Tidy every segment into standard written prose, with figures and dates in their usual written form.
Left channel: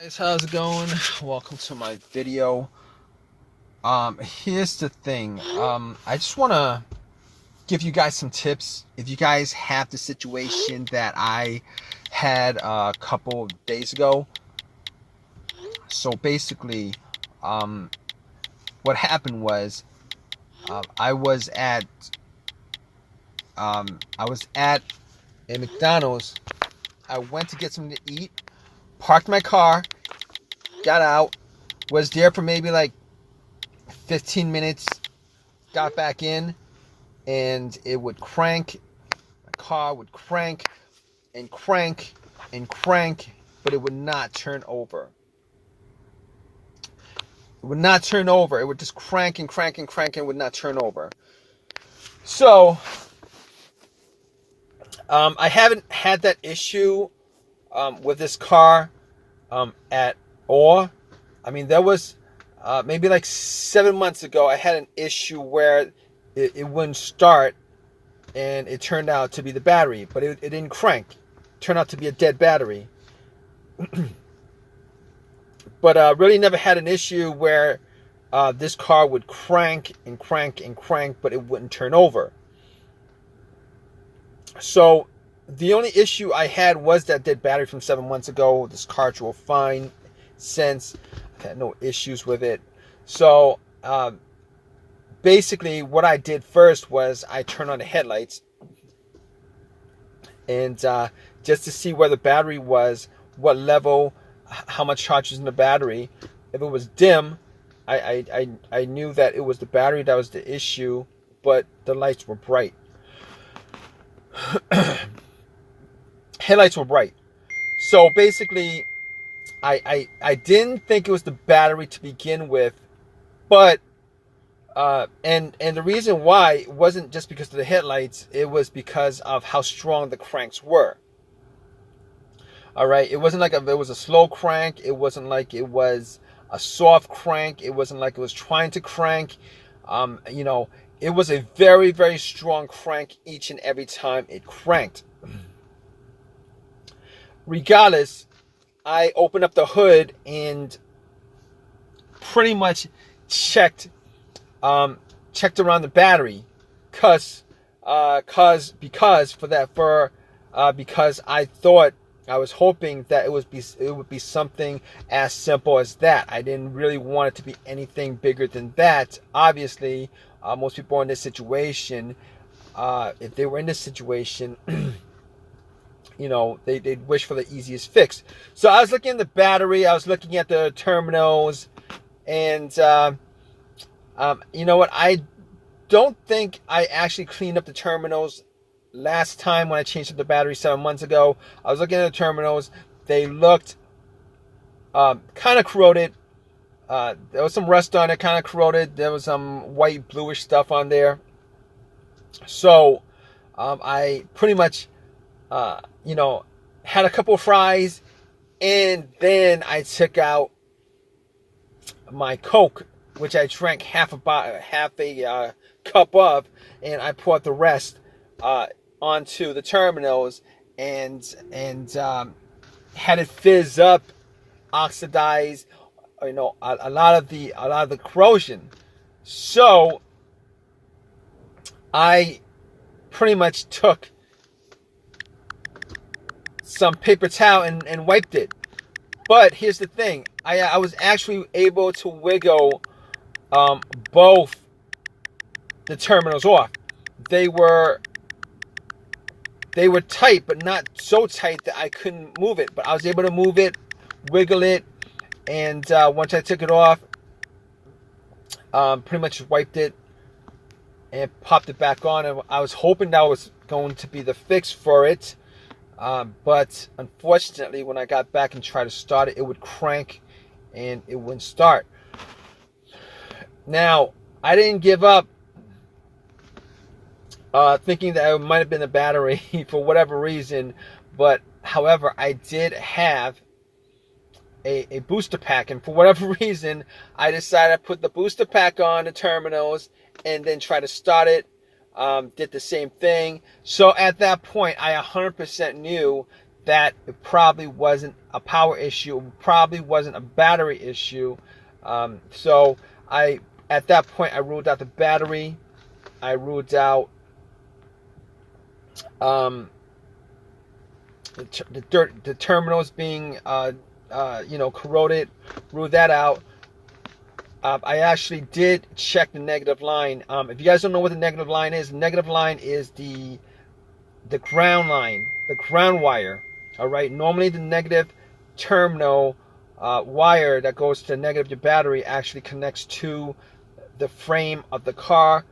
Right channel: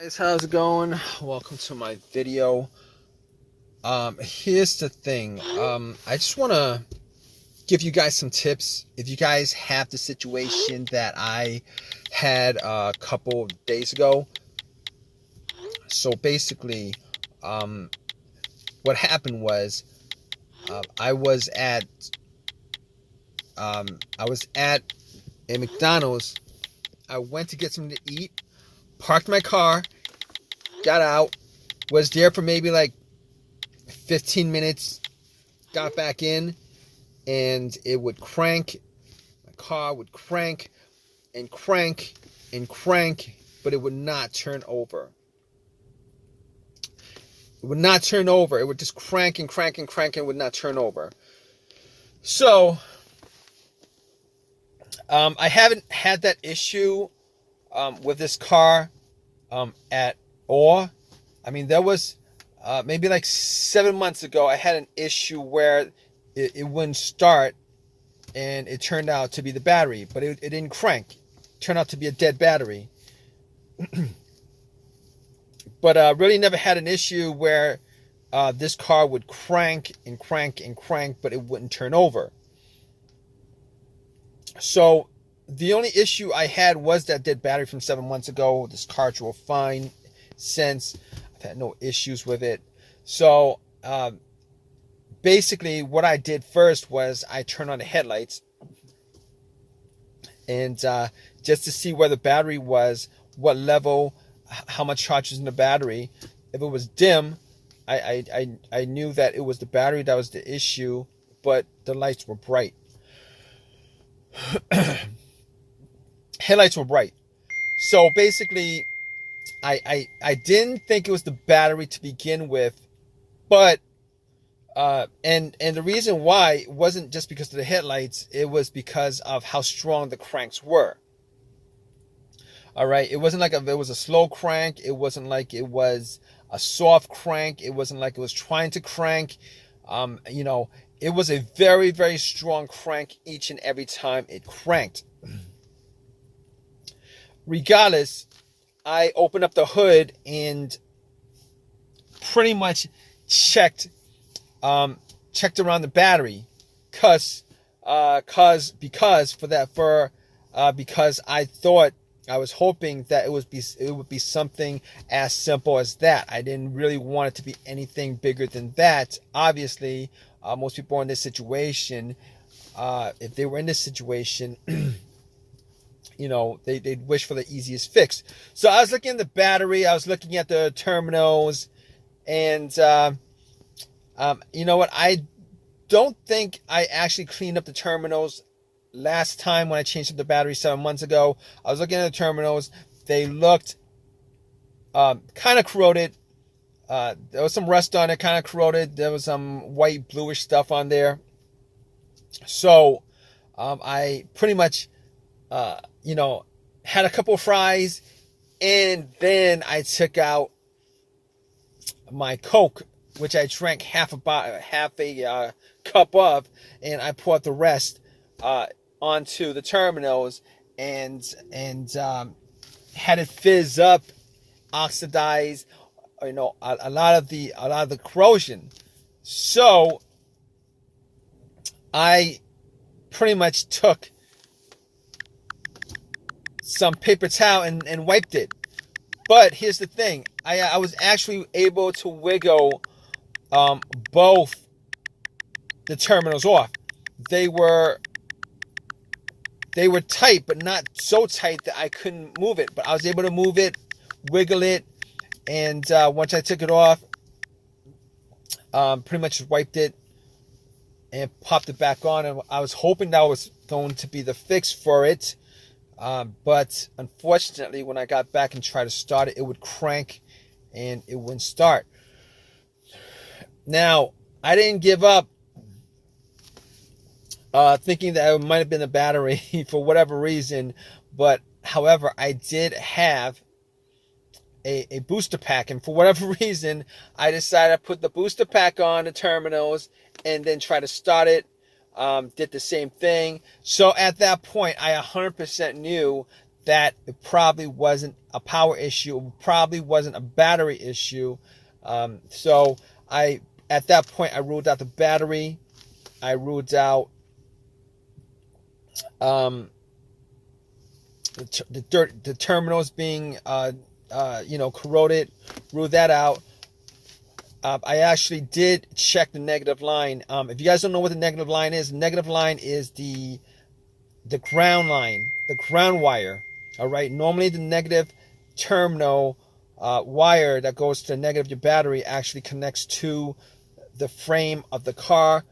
Guys, how's it going? Welcome to my video. Here's the thing. I just want to give you guys some tips if you guys have the situation that I had a couple of days ago. So basically, um, what happened was I was at a McDonald's. I went to get something to eat, parked my car, got out, was there for maybe like 15 minutes, got back in, and it would crank. My car would crank and crank and crank, but it would not turn over. It would not turn over. It would just crank and crank and crank and would not turn over. So, I haven't had that issue with this car at all. I mean, there was maybe like 7 months ago, I had an issue where it wouldn't start, and it turned out to be the battery, but it didn't crank. It turned out to be a dead battery. But really never had an issue where this car would crank and crank and crank, but it wouldn't turn over. So the only issue I had was that dead battery from 7 months ago. This car drove fine since. I've had no issues with it. So basically what I did first was I turned on the headlights, and just to see where the battery was, what level, how much charge is in the battery. If it was dim, I knew that it was the battery that was the issue, but the lights were bright. Headlights were bright. So basically, I didn't think it was the battery to begin with, but and the reason why it wasn't just because of the headlights, it was because of how strong the cranks were. All right, it wasn't like it was a slow crank. It wasn't like it was a soft crank. It wasn't like it was trying to crank. It was a very, very strong crank each and every time it cranked. Regardless, I opened up the hood and pretty much checked around the battery, because I thought, I was hoping that it would be something as simple as that. I didn't really want it to be anything bigger than that. Obviously, most people in this situation, if they were in this situation, they'd wish for the easiest fix. So I was looking at the battery, I was looking at the terminals, and you know what? I don't think I actually cleaned up the terminals last time when I changed up the battery 7 months ago. I was looking at the terminals. They looked kind of corroded. There was some rust on it, kind of corroded. There was some white, bluish stuff on there. So I pretty much, had a couple of fries, and then I took out my Coke, which I drank half a cup of, and I poured the rest onto the terminals, and had it fizz up, oxidize, a lot of the corrosion. So I pretty much took some paper towel and wiped it. But here's the thing, I was actually able to wiggle both the terminals off. They were tight, but not so tight that I couldn't move it. But I was able to move it, wiggle it, and once I took it off, pretty much wiped it and popped it back on. And I was hoping that was going to be the fix for it. But unfortunately, when I got back and tried to start it, it would crank and it wouldn't start. Now, I didn't give up thinking that it might have been a battery for whatever reason. But however, I did have a booster pack, and for whatever reason, I decided to put the booster pack on the terminals and then try to start it. Did the same thing. So at that point, I 100% knew that it probably wasn't a power issue, it probably wasn't a battery issue. So at that point, I ruled out the battery. I ruled out the terminals being corroded. Ruled that out. I actually did check the negative line. If you guys don't know what the negative line is the ground line, the ground wire. All right. Normally, the negative terminal wire that goes to the negative of your battery actually connects to the frame of the car.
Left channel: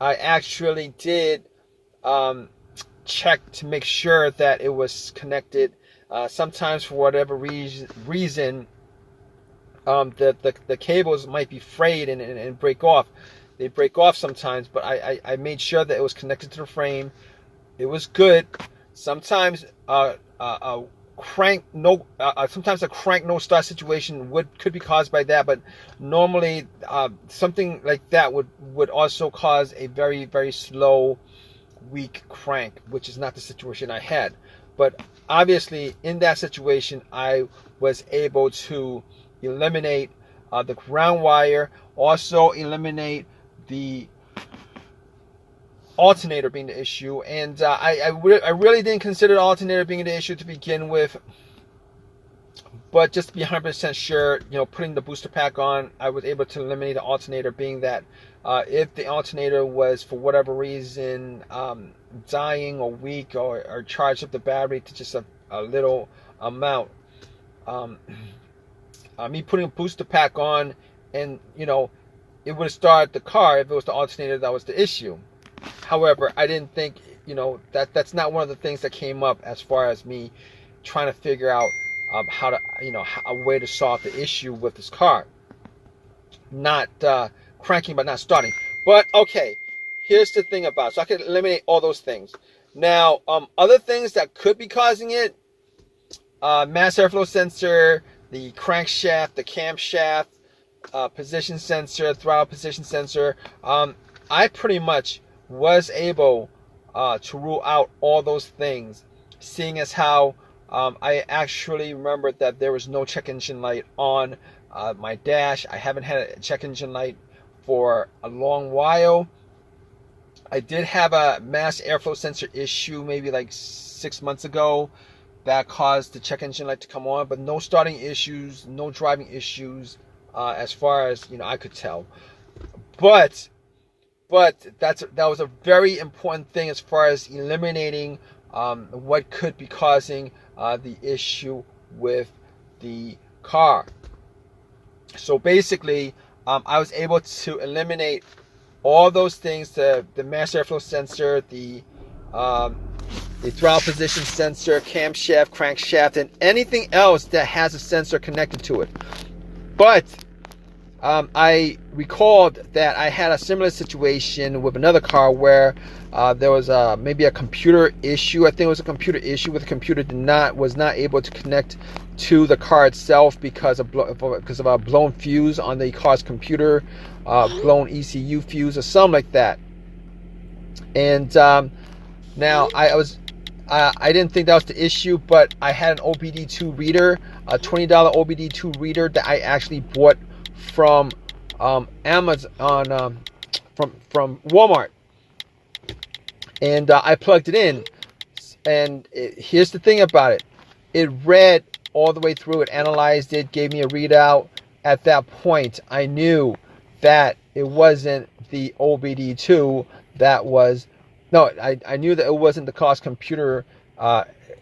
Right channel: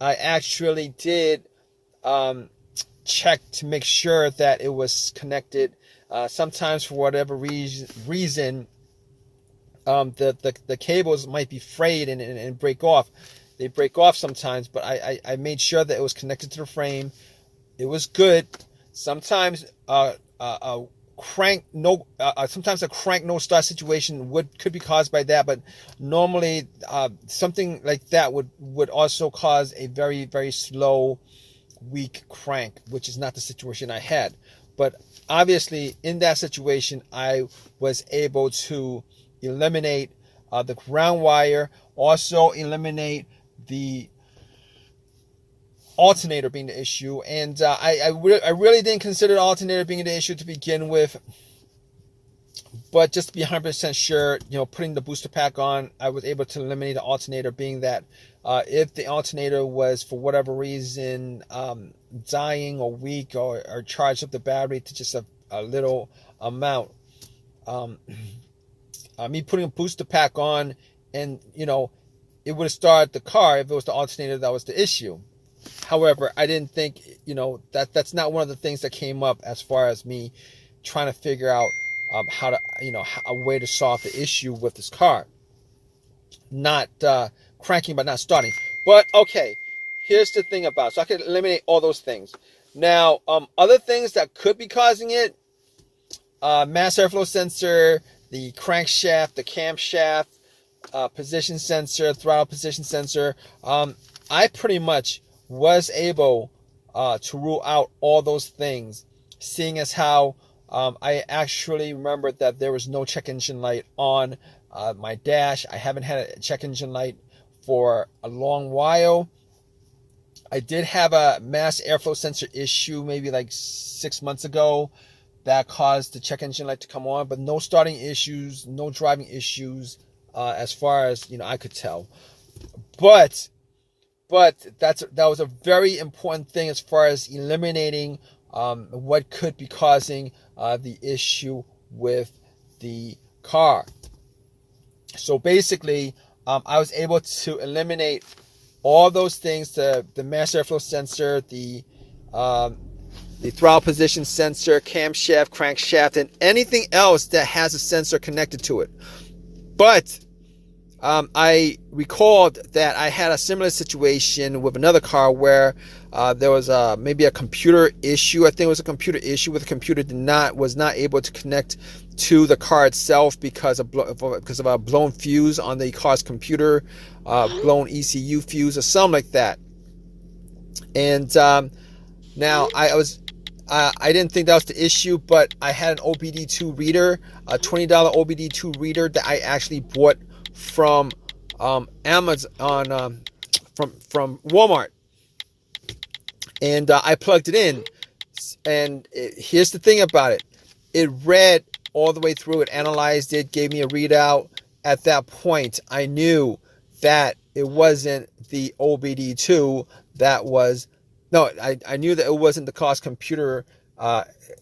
I actually did check to make sure that it was connected. Sometimes, for whatever reason, the cables might be frayed and break off. They break off sometimes, but I made sure that it was connected to the frame. It was good. Sometimes sometimes a crank no start situation could be caused by that, but normally something like that would also cause a very, very slow, weak crank, which is not the situation I had. But obviously in that situation, I was able to eliminate the ground wire, also eliminate the alternator being the issue. And I really didn't consider the alternator being the issue to begin with, but just to be 100% sure, putting the booster pack on, I was able to eliminate the alternator, being that if the alternator was for whatever reason dying or weak or charged up the battery to just a little amount, me putting a booster pack on, and it would have started the car if it was the alternator that was the issue. However, I didn't think that's not one of the things that came up as far as me trying to figure out how to a way to solve the issue with this car. Not cranking but not starting. But okay, here's the thing about it. So I can eliminate all those things. Now, other things that could be causing it: mass airflow sensor, the crankshaft, the camshaft, position sensor, throttle position sensor. I pretty much was able to rule out all those things, seeing as how I actually remembered that there was no check engine light on my dash. I haven't had a check engine light for a long while. I did have a mass airflow sensor issue maybe like 6 months ago that caused the check engine light to come on, but no starting issues, no driving issues, as far as I could tell. But that was a very important thing as far as eliminating what could be causing the issue with the car. So basically, I was able to eliminate all those things: the mass airflow sensor, the throttle position sensor, camshaft, crankshaft, and anything else that has a sensor connected to it. But I recalled that I had a similar situation with another car where there was maybe a computer issue. I think it was a computer issue where the computer was not able to connect to the car itself because of a blown fuse on the car's computer, blown ECU fuse or something like that. And now I didn't think that was the issue, but I had an OBD2 reader, a $20 OBD2 reader that I actually bought from Amazon, from Walmart, and I plugged it in. And here's the thing about it: it read all the way through. It analyzed it, gave me a readout. At that point, I knew that it wasn't the OBD2 that was. No, I knew that it wasn't the car's computer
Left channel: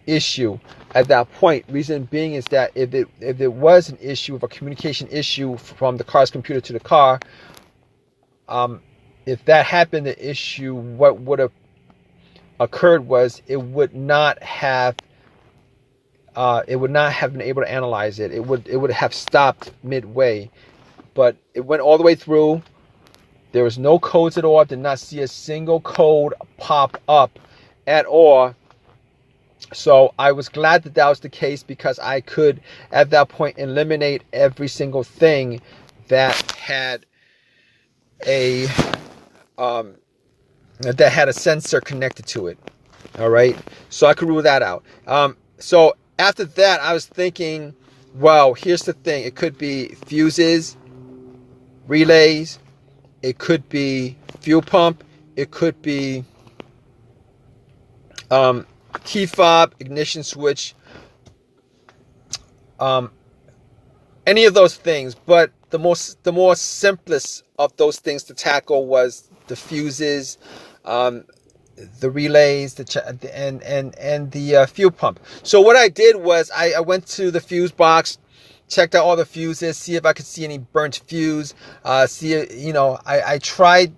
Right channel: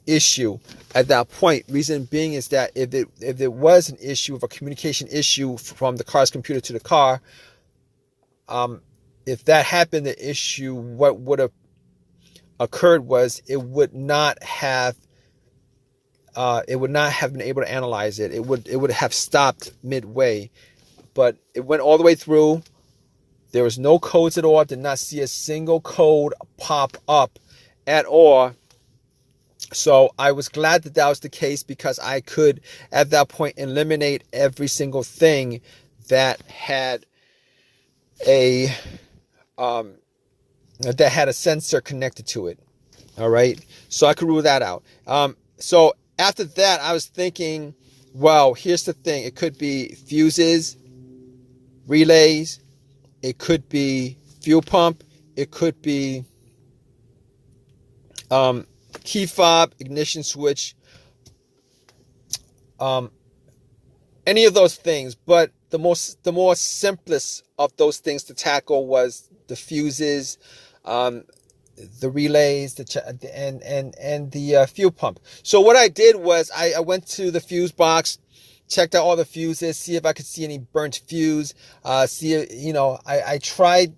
issue at that point. Reason being is that if it was an issue of a communication issue from the car's computer to the car, if that happened, the issue, what would have occurred was it would not have been able to analyze it. It would have stopped midway, but it went all the way through. There was no codes at all. I did not see a single code pop up at all. So I was glad that was the case, because I could, at that point, eliminate every single thing that had a sensor connected to it. All right, so I could rule that out. So after that, I was thinking, well, here's the thing. It could be fuses, relays. It could be fuel pump. It could be T-fob, ignition switch, um, any of those things. But the more simplest of those things to tackle was the fuses, um, the relays, and the fuel pump. So what I did was I went to the fuse box, checked out all the fuses, see if I could see any burnt fuse. I tried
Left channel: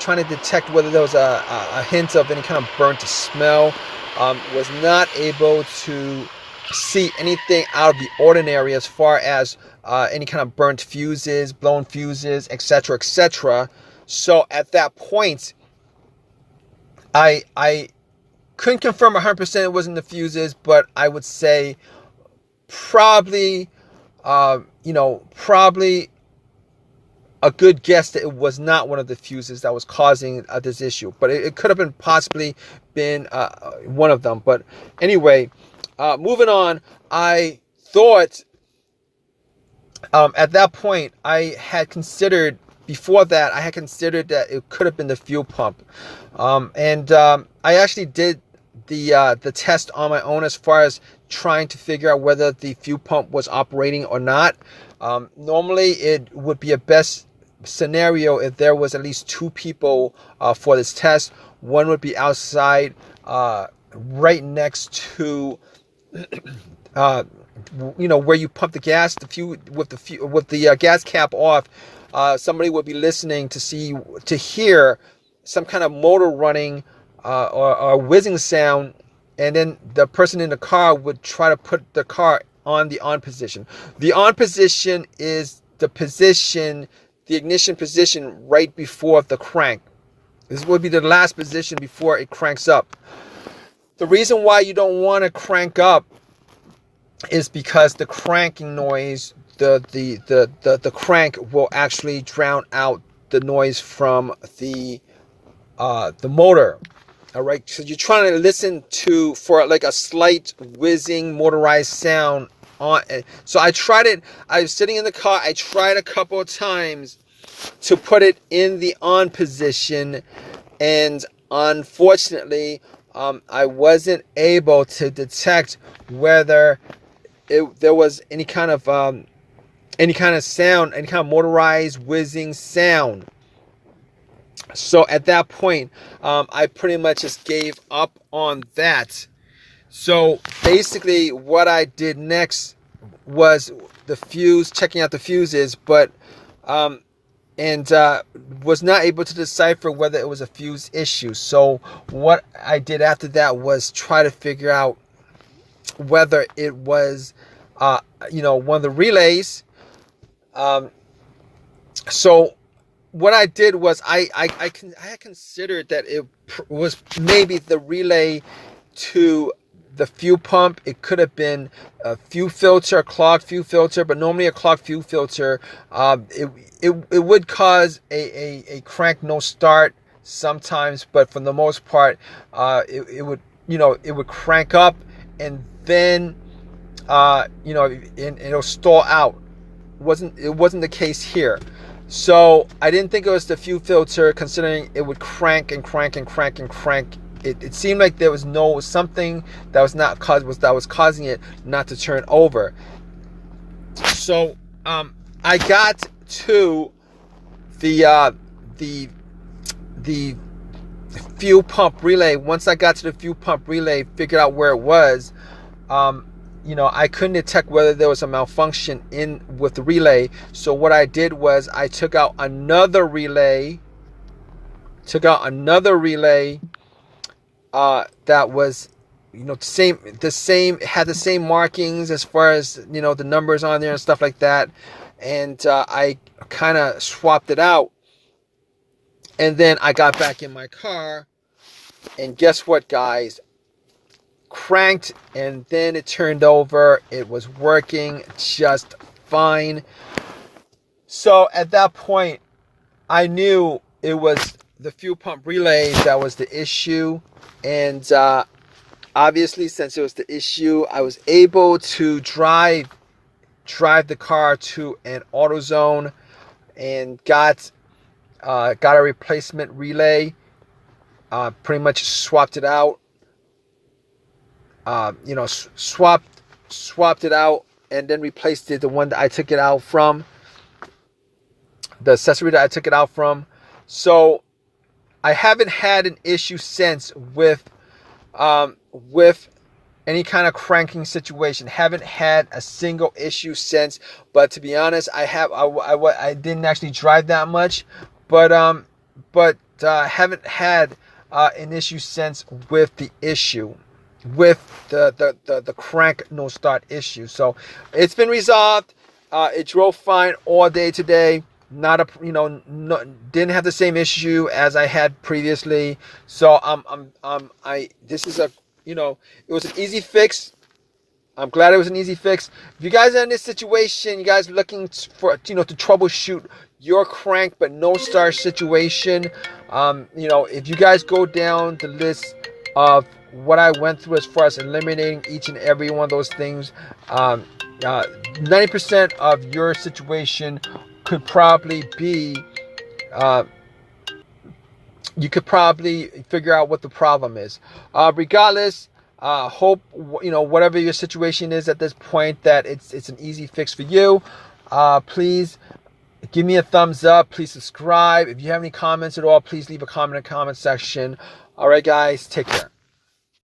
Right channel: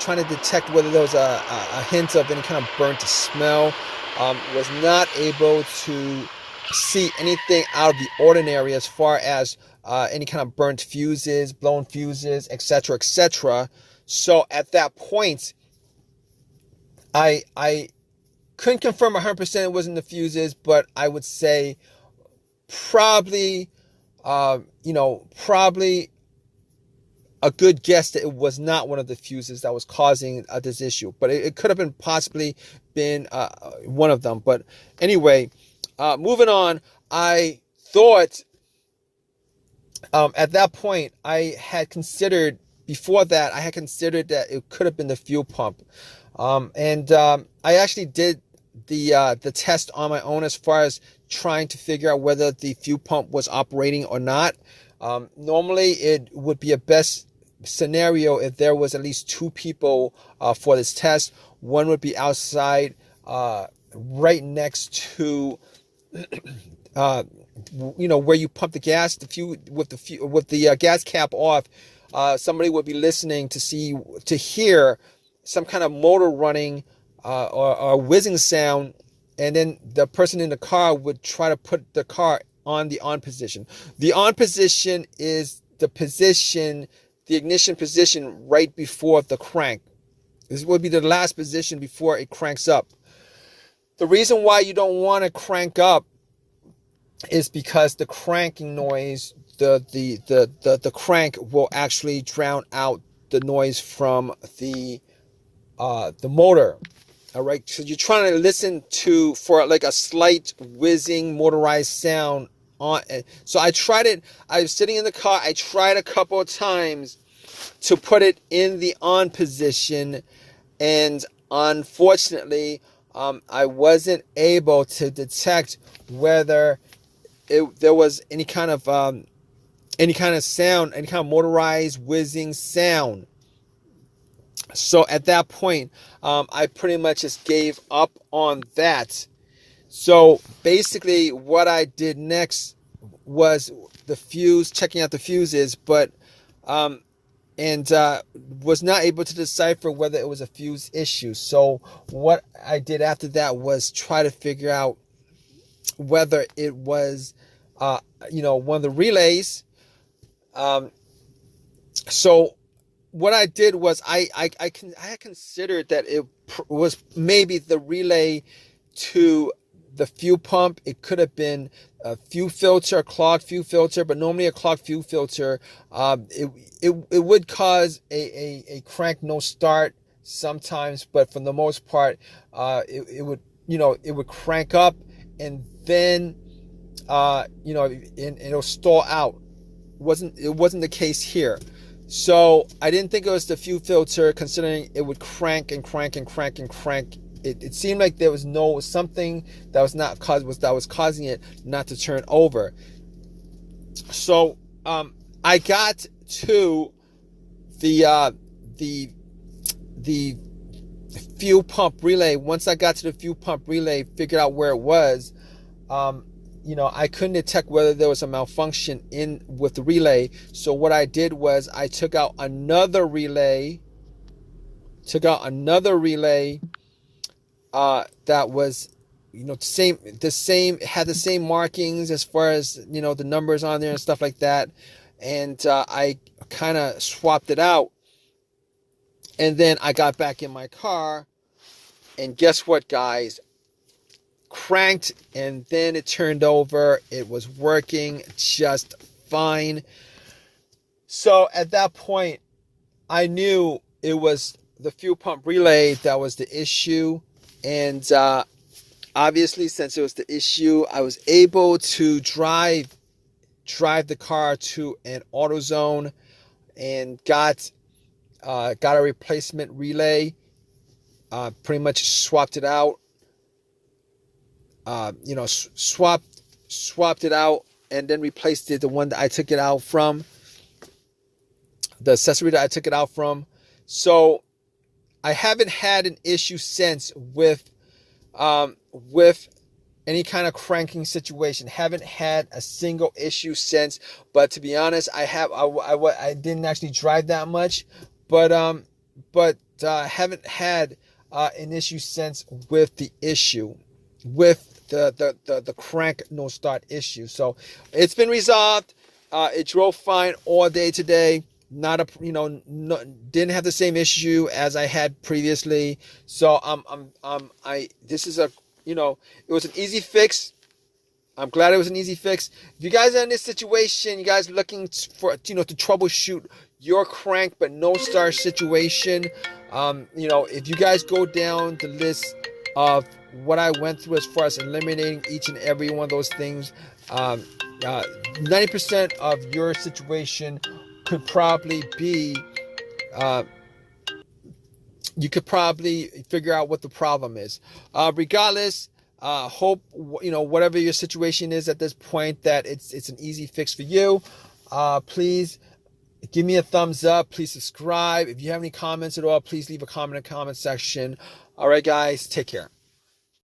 trying to detect whether there was a hint of any kind of burnt smell. Was not able to see anything out of the ordinary as far as any kind of burnt fuses, blown fuses, etc., etc. So at that point, I couldn't confirm 100% it wasn't the fuses, but I would say probably, probably a good guess that it was not one of the fuses that was causing this issue. But it could have been possibly been one of them. But anyway, moving on, I thought at that point before that I had considered that it could have been the fuel pump. I actually did the test on my own as far as trying to figure out whether the fuel pump was operating or not. Normally, it would be a best scenario if there was at least two people for this test. One would be outside, right next to, where you pump the gas. With the gas cap off, somebody would be listening to hear some kind of motor running or whizzing sound, and then the person in the car would try to put the car on the on position. The on position is the ignition position right before the crank. This would be the last position before it cranks up. The reason why you don't want to crank up is because the cranking noise, the crank will actually drown out the noise from the motor. All right, so you're trying to listen for like a slight whizzing motorized sound on. So I tried it. I was sitting in the car. I tried a couple of times to put it in the on position, and unfortunately, I wasn't able to detect whether there was any kind of sound, any kind of motorized whizzing sound. So at that point, I pretty much just gave up on that. So basically what I did next was checking out the fuses, but was not able to decipher whether it was a fuse issue. So what I did after that was try to figure out whether it was one of the relays. So what I did was I had considered that it was maybe the relay to the fuel pump. It could have been a clogged fuel filter, but normally a clogged fuel filter, it would cause a crank no start sometimes, but for the most part, it would crank up, and then and it'll stall out. It wasn't the case here. So I didn't think it was the fuel filter, considering it would crank and crank and crank and crank. It seemed like there was something that was causing it not to turn over. So I got to the fuel pump relay. Once I got to the fuel pump relay, figured out where it was. I couldn't detect whether there was a malfunction with the relay. So what I did was I took out another relay. That was, the same had the same markings as far as the numbers on there and stuff like that. And I kind of swapped it out. And then I got back in my car, and guess what, guys? Cranked, and then it turned over. It was working just fine. So at that point, I knew it was the fuel pump relay that was the issue, and Obviously, since it was the issue, I was able to drive the car to an AutoZone and got a replacement relay. Pretty much swapped it out. Swapped it out and then replaced it, the one that I took it out from, the accessory that I took it out from. So I haven't had an issue since with any kind of cranking situation. Haven't had a single issue since. But to be honest, I didn't actually drive that much, but haven't had an issue since with the issue, with the crank no start issue. So it's been resolved. It drove fine all day today. Not a didn't have the same issue as I had previously. So this is it was an easy fix. I'm glad it was an easy fix. If you guys are in this situation, you guys are looking for to troubleshoot your crank but no start situation, if you guys go down the list of what I went through as far as eliminating each and every one of those things, 90% of your situation could probably be, you could probably figure out what the problem is. Regardless, hope whatever your situation is at this point, that it's an easy fix for you. Please give me a thumbs up. Please subscribe. If you have any comments at all, please leave a comment in the comment section. All right, guys, take care.